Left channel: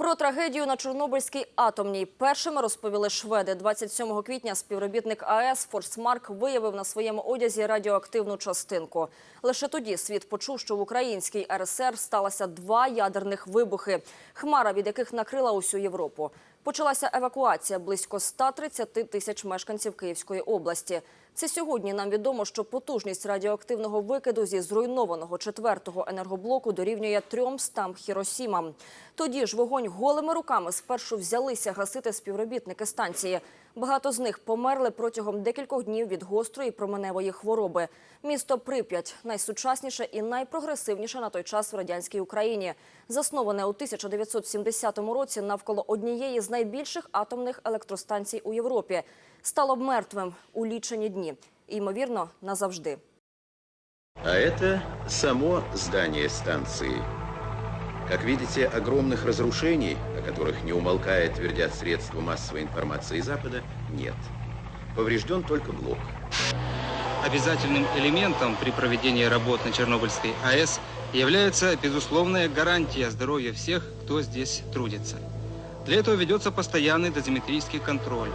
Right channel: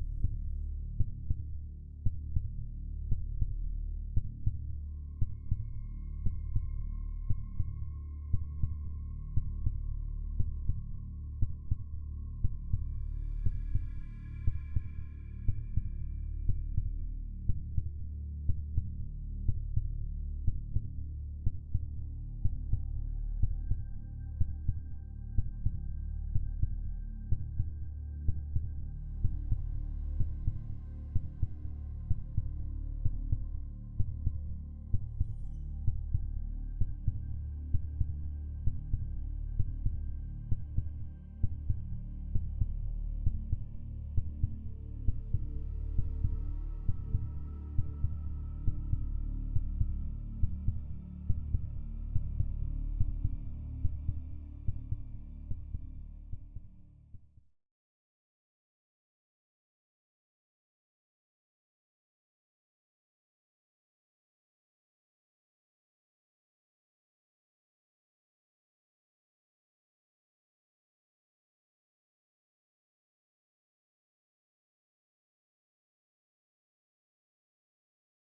Про трагедію на Чорнобильській атомній першими розповіли шведи. 27 квітня співробітник АЕС Форсмарк виявив на своєму одязі радіоактивну частинку. Лише тоді світ почув, що в українській РСР сталося два ядерних вибухи, хмара від яких накрила усю Європу. Почалася евакуація близько 130 тисяч мешканців Київської області. Це сьогодні нам відомо, що потужність радіоактивного викиду зі зруйнованого четвертого енергоблоку дорівнює 300 Хіросімам. Тоді ж вогонь голими руками спершу взялися гасити співробітники станції. Багато з них померли протягом декількох днів від гострої променевої хвороби. Місто Прип'ять найсучасніше і найпрогресивніше на той час в радянській Україні, засноване у 1970 році навколо однієї з найбільших атомних електростанцій у Європі, стало мертвим у лічені дні, і, ймовірно, назавжди. А это само здание станции. Как видите, огромных разрушений, о которых не умолкая твердят средства массовой информации Запада, нет. Поврежден только блок. Обязательным элементом при проведении работ на Чернобыльской АЭС является безусловная гарантия здоровья всех, кто здесь трудится. Для этого ведется постоянный дозиметрический контроль.